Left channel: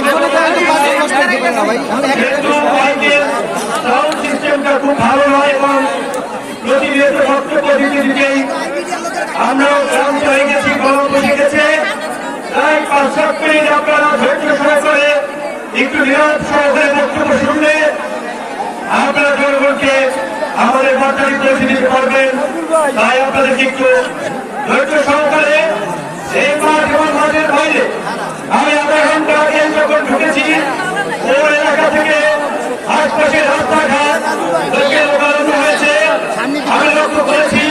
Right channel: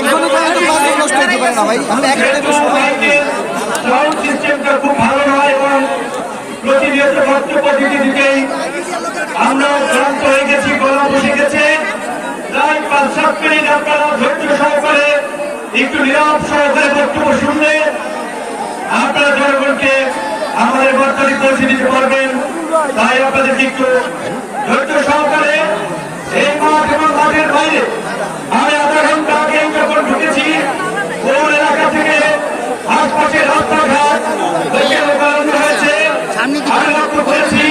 একজনের জন্য তো পাঁচ কষ্ট হতে পারে না ভাই আমরা একজনের সাউন্ড সিস্টেমটা খুব ভালো নয় এবং প্রতিনিয়ত বক্তব্য দিতে দিতেই আমরা হয়ে আমাদের বার্তাটি পৌঁছে পারবেন। তাই আপনাদেরকে একটু ধৈর্য এলাকা থেকে আশপাশের রাস্তাঘাট লোকে লোকারণ্য হয়েছে আমি লক্ষ্য করেছি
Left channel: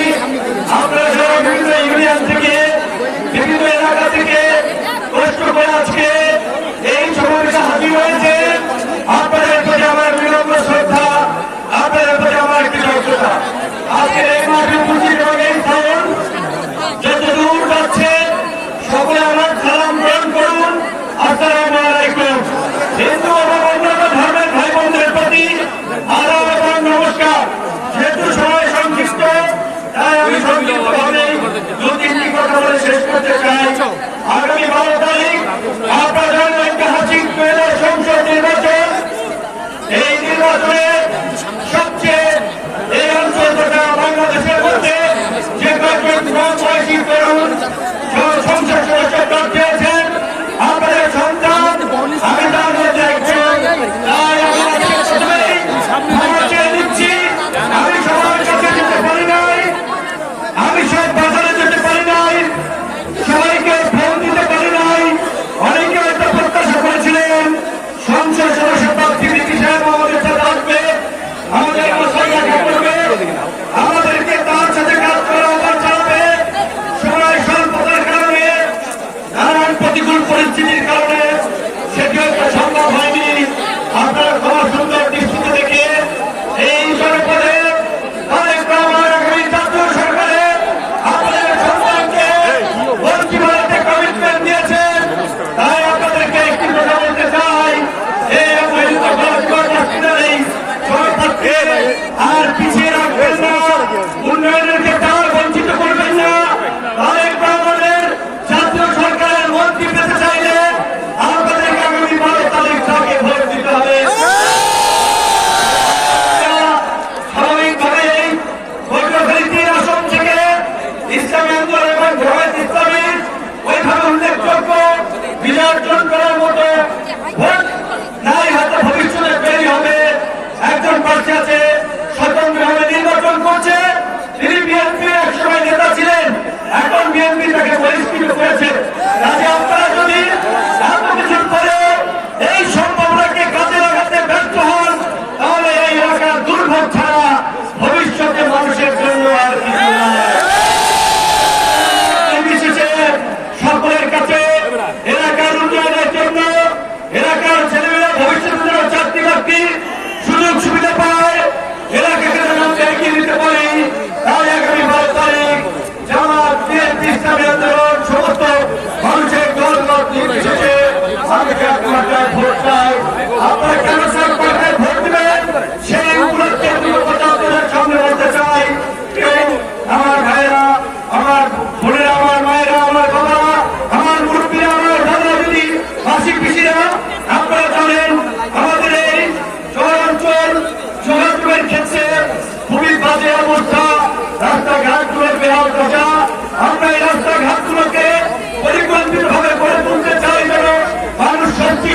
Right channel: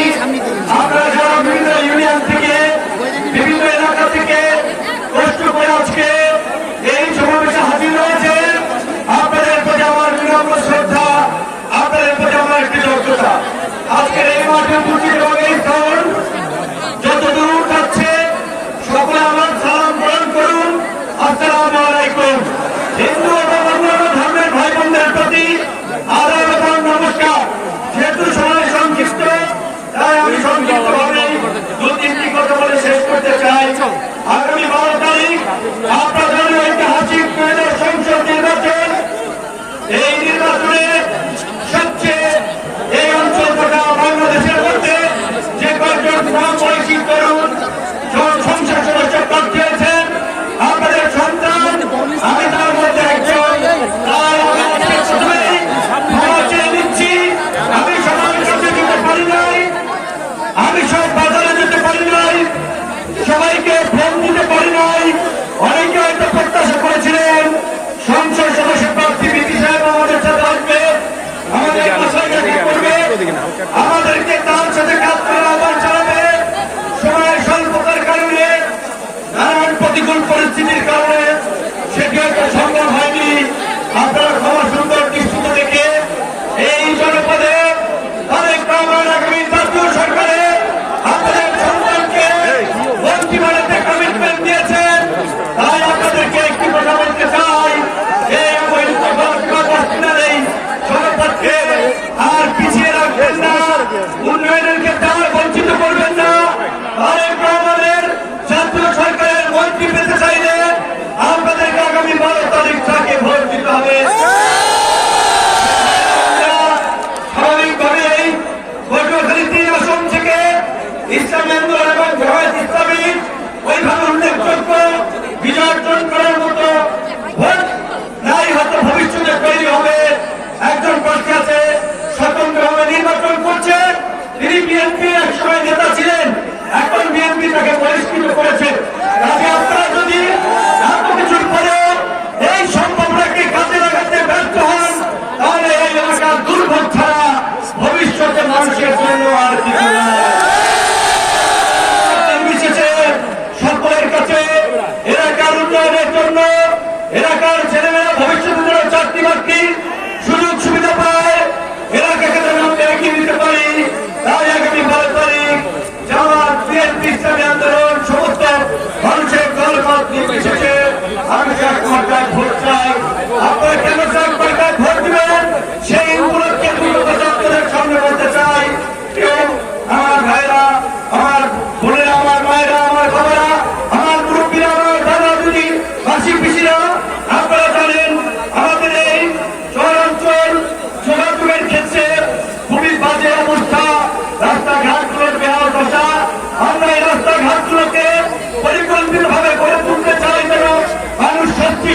আপনারা যারা বিভিন্ন ইউনিয়ন থেকে বিভিন্ন এলাকা থেকে কষ্ট করে আজকে এই সমাবেশে হাজির হয়েছে আপনাদের প্রতি আমার বিনম্র শ্রদ্ধা, আপনাদের প্রতি আমার কৃতজ্ঞতা। আজকের आपकी बात आप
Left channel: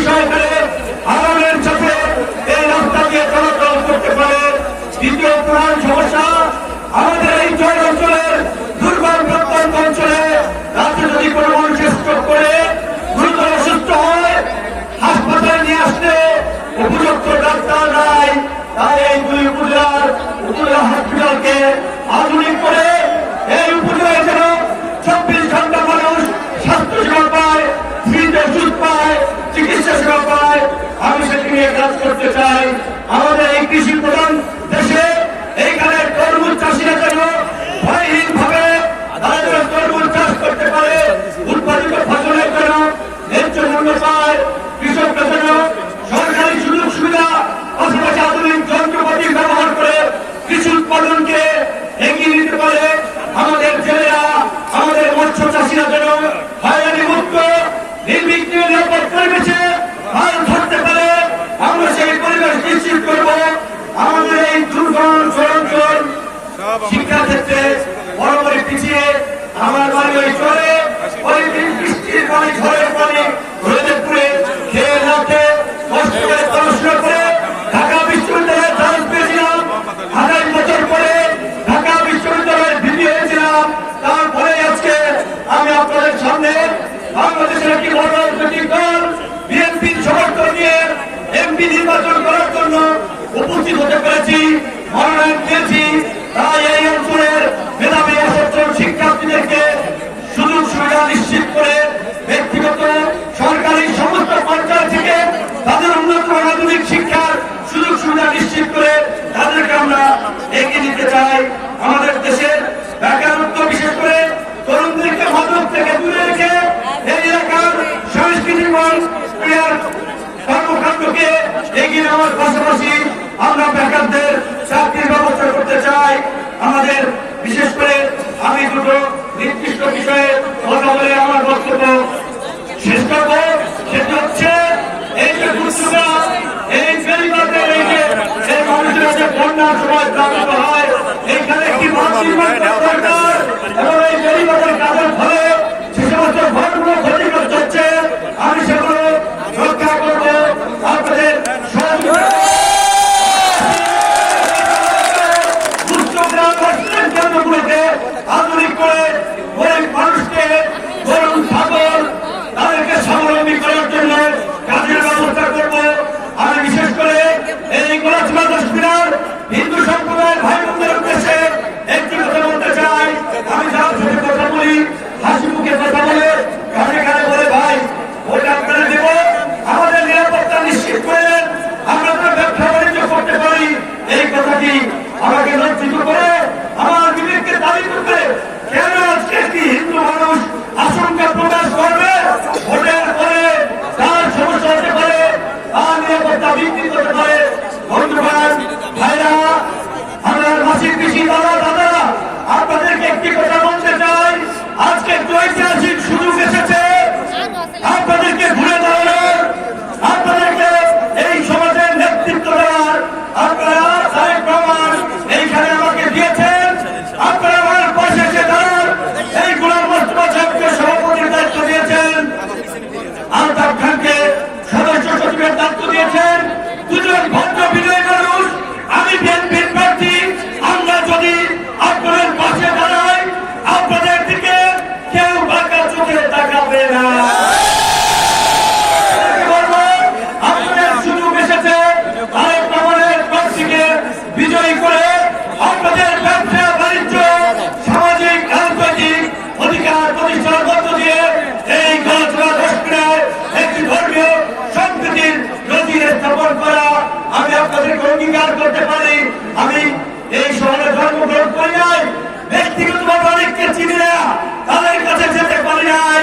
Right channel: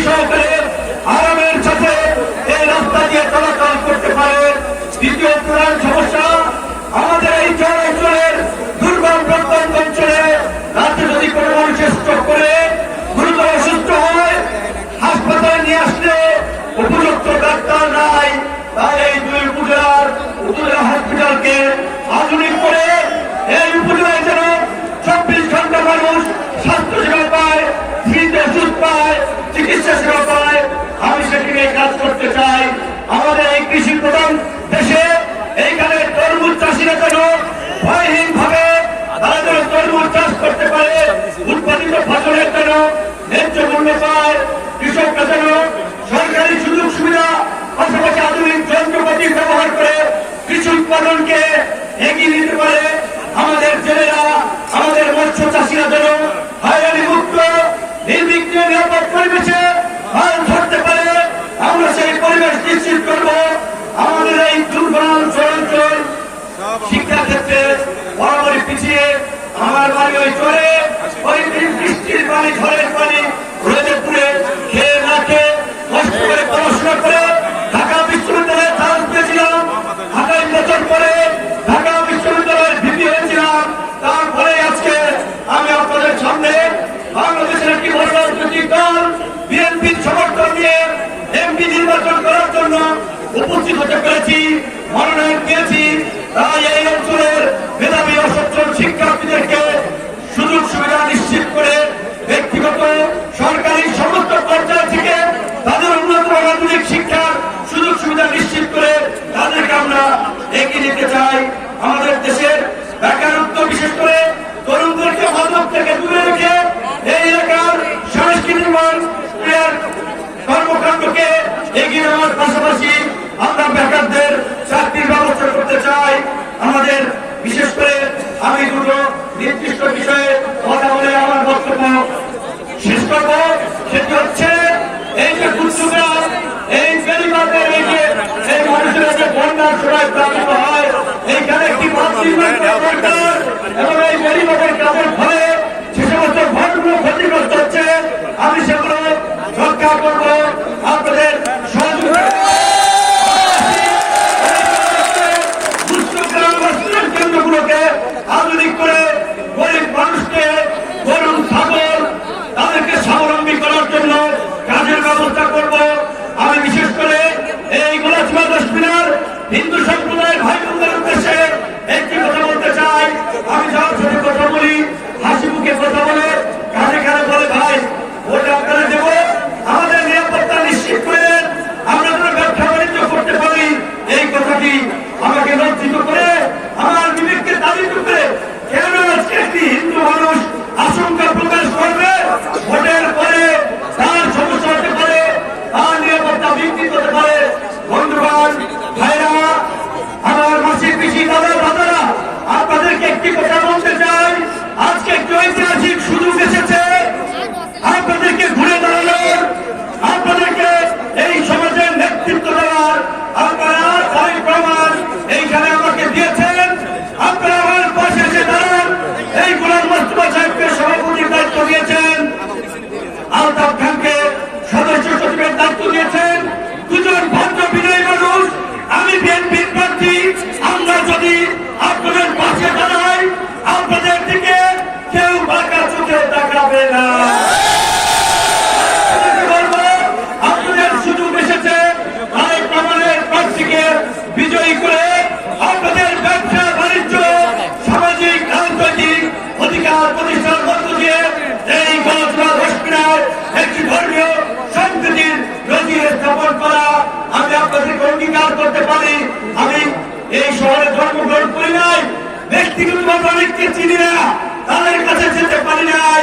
সহকারে আরামের সাথে এই রাস্তা দিয়ে চলাচল করতে পারে। দ্বিতীয় প্রধান সমস্যা, আমাদের এই চরাঞ্চলের দুর্গম প্রত্যন্ত অঞ্চলে রাতে যদি কোনো মানুষের স্ট্রোক করে, গুরুতর অসুস্থ হয়, হাসপাতালে নিয়ে আসলে উপযুক্ত ডাক্তার নাই। তাই এই দুই উপজেলার উপজেলা হসপিটালকে আধুনিক করে এই উপজেলায় যেন চব্বিশ ঘণ্টা মানুষ স্বাস্থ্য সেবা পায় ফ্রিতে ওষুধ পায়, চিকিৎসা সেবা পায়, আমি সেটি কাজ করতে চাই। আমাদের এই কৃষি প্রধান দেশে এইখানে তরমুজ চাষিরা যেন ভয়হীন ভাবে তরমুজ চাষ করতে পারে, উৎপাদিত ফসলের যেন ন্যায্য মূল্য পায়, কৃষকরা যেন সরকারি সুযোগ সুবিধা, পাশাপাশি আধুনিক যন্ত্রপাতি ব্যবহার করে কৃষি উৎপাদনকে এগিয়ে নিতে পারে। আমাদের ছেলেরা আমাদের মৎস্য চাষিরা যেন হয়রানি মুক্ত নির্বিঘ্ন নিরাপদ পরিবেশে পরিবেশ নিশ্চিত করব। আমাদের এই দুর্গম চরাঞ্চল শিক্ষা ক্ষেত্রে বরাবরই পিছিয়ে আমার বাড়ি ওই চলে ওই বৃষ্টির পানি, ঝড়ের পানি রোদে পুড়ে খেয়ে রাখে কষ্ট করে পড়াশোনা করে ঢাকা বিশ্ববিদ্যালয়ে চান্স পেয়েছিলাম। আঠাশ বছর পরে ঢাকা বিশ্ববিদ্যালয়ের ভিত্তি হয়েছিলাম। তারপরে আজকে আমি আপনাদের সামনে উপস্থিত হতে পেরেছি, মনোনয়ন পেয়েছি তাই এই অঞ্চলের মেধাবী অসচ্ছল শিক্ষার্থীদেরকে সুযোগ সুবিধা নিশ্চিত করে ব্যক্তিগত, সরকারি সমস্ত পর্যায় থেকে তাদের উন্নত আধুনিক শিক্ষার সুযোগ সুবিধা নিশ্চিত করে তাদেরকে আমরা এগিয়ে নিতে চাই। আমাদের দেশের বেকারত্ব, বিশেষ করে তরুণদেরকে মাদক থেকে দূরে রেখে এই এলাকার সাংস্কৃতিক মান কর্মকাণ্ডকে এগিয়ে নেওয়ার পাশাপাশি আমরা বেকারদের চাকরির ব্যবস্থা করতে চাই আমাদের বিশেষ করে আমি দুটো নির্দিষ্ট বিষয়ে কথা বলে আমার বক্তব্য শেষ করব সেটি হচ্ছে এই যে দুর্যোগরা এই বেরিবাদের এই যে এই মানুষের যে বন্যার সময় প্রাপ্ত হয় এইখানে একটি এবং এই বেরিবাদের কাজের ফলে যে সমস্ত ঘরগুলো ক্ষতিগ্রস্ত হচ্ছে আমি সেগুলো রক্ষা করব আপনাদের সহযোগিতা দুষ্ট গ্রাম বা স্টুডেন্ট কেন্দ্রগুলোকে আধুনিক করে গরিব মানুষকে গরুর ছাগল তাদেরকে স্বাবলম্বী করার জন্য কাজের ব্যবস্থা করব আমি বিশেষ করে এই গোলাচিমা দশমিনার হিন্দু সম্প্রদায়ের ভাই বোনদের উদ্দেশ্যে একটি কথা বলতে চাই আমি যার সাথে কথা বলি হাসি মুখে কথা বলে কানে কানে বলে ভাই ভোট আপনারা দেব আমাদের নিরাপত্তা নিশ্চিত করে আমরা যেন ব্যবসা বাণিজ্য করতে পারি এই কথাটি আমাকে লজ্জিত করে আমার বিবেককে দাবি করতে কেন আজকে একটি হিন্দু মানুষ আশঙ্কা প্রকাশ করবে ভোটের পরে তার সমস্যা হতে পারে তার নিরাপত্তা বৃদ্ধি হতে পারে বন্ধুগণ ভাইরা আমার মাসির পিসি দাদা দাদারা আপনাদেরকে একটি কথা বলতে চাই আজকে একটু ঐতিহাসিক সুযোগ এসেছে আপনাদেরকে ঘুরে দাঁড়ানোর আপনাদেরকে এই সমাজের নেতৃত্ব দেওয়ার আপনারা তাই প্রমাণ এইখানে আমাকে দিয়েছেন আপনারা আমার পাশে এসে দাঁড়ান এই গোলাম মোস্তফা সাহেবকে সভাপতির দায়িত্ব দিয়েছেন আলতাফ খানকে সদস্য সচিবের দায়িত্ব দিয়েছেন দুজন ভদ্র বিনয়ী মানুষ আমি বিএনপির প্রার্থী আমরা যদি আপনাদের পাশে দাঁড়াই আপনাদের দিকে কেউ বাঁকা চোখে তাকাবে না বলব আপনাদের সুযোগ এসেছে তাই প্রমাণের প্রার্থীকে বিজয়ী করে আপনাদের ব্যবসা বাণিজ্য সামাজিক রাজনৈতিক অধিকার প্রতিষ্ঠার মধ্য দিয়ে এই গণতন্ত্র দক্ষিণায় একটি ধর্মীয় সম্প্রীতির নজির স্থাপন করা আমি আপনাদেরকে অঙ্গীকার করতে পারি আমি এই শহরে জন্মগ্রহণ করি নাই ব্যক্তিগতভাবে অনেককে চিনি না তাদের কাছে যেতে পারি নাই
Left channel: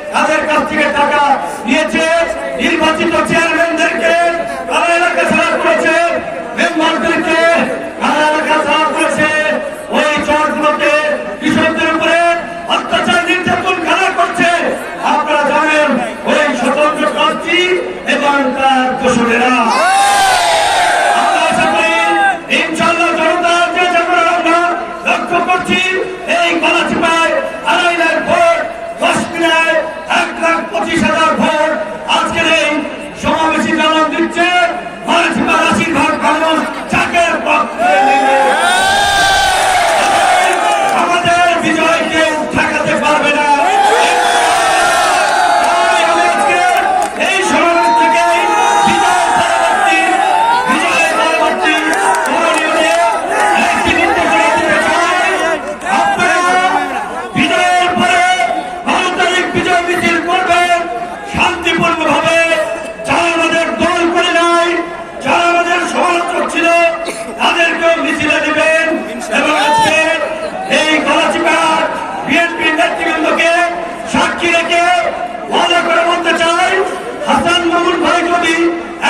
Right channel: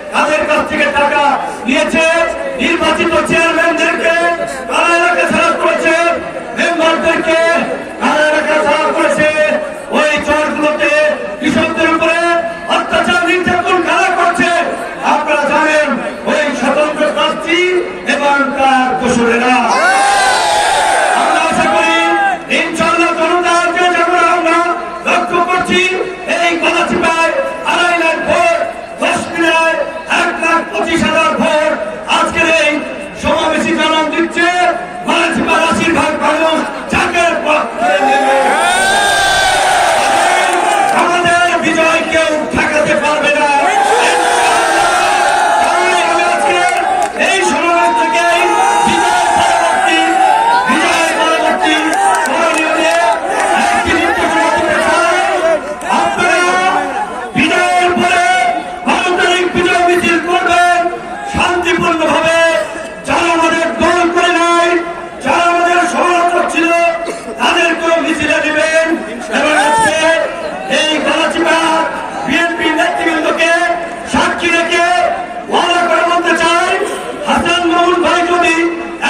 তাদের কাছ থেকে টাকা নিয়েছে নির্বাচিত চেয়ারম্যানদেরকে, তারা এলাকা খারাপ করেছে, মেম্বারদেরকে তারা এলাকা খারাপ করেছে। ওই চরগুলোতে কৃষকদের উপরে অত্যাচার নির্যাতন কারা করছে, আপনারা জানেন, ওই স্বতন্ত্র প্রার্থী এবং তার কোশলেরা ছিল, তাদেরকেও মিছিল দেবেন এবং আজকে এই গলাচিপার বিএনপি নেতৃবৃন্দকে সাক্ষী রেখে ভালো করে বলতে চাই, হাসান মামুন ভাই যদি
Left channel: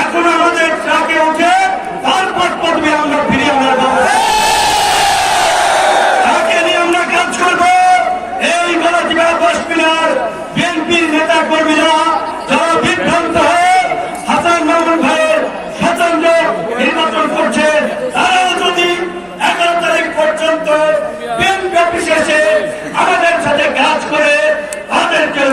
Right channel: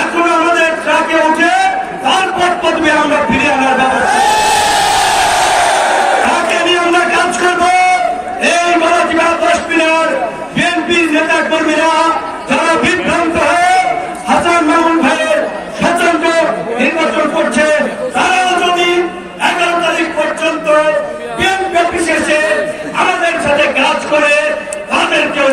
এখনও আমাদের ট্রাকে উঠে তারপর পদবে আমরা ফিরে আনার ব্যবস্থা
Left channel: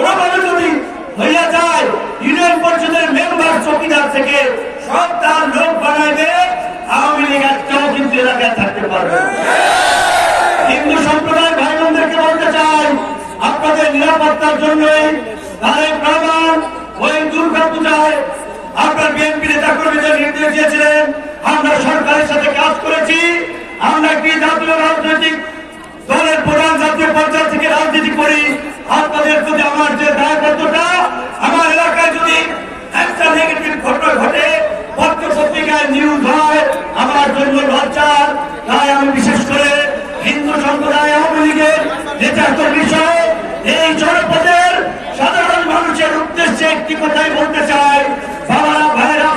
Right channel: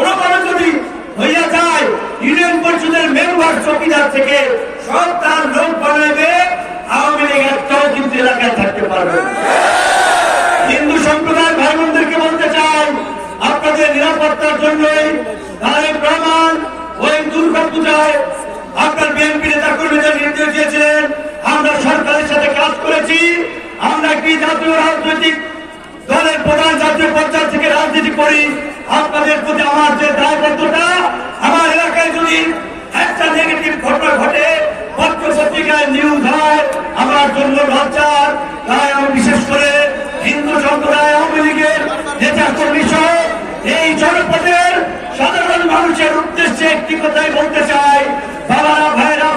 কোনোভাবে যদি ভাই বোনদেরকে বলতে চাই, আপনাদের আপনার বিএনপি নেতা আমরা সরকারের সাথে কাজ করেছি, আমরা একটি জাতীয় রাজনৈতিক দলের প্রধান জাতীয় পর্যায় থেকে করি, আপনাদের প্রতি আমার যে দায়বদ্ধতা, আমার এলাকায় যদি একটা নেগেটিভ ঘটনা ঘটে পত্র পত্রিকায় নিউজ হয়, আমার জন্য লজ্জার তাই আমি বিশেষ করে হিন্দু সম্প্রদায়, আওয়ামী লীগের নেতা কর্মী সহ এই জনপদের সাধারণ মানুষের উদ্দেশ্যে একটি কথাই বলতে চাই। বাবা ভাইরা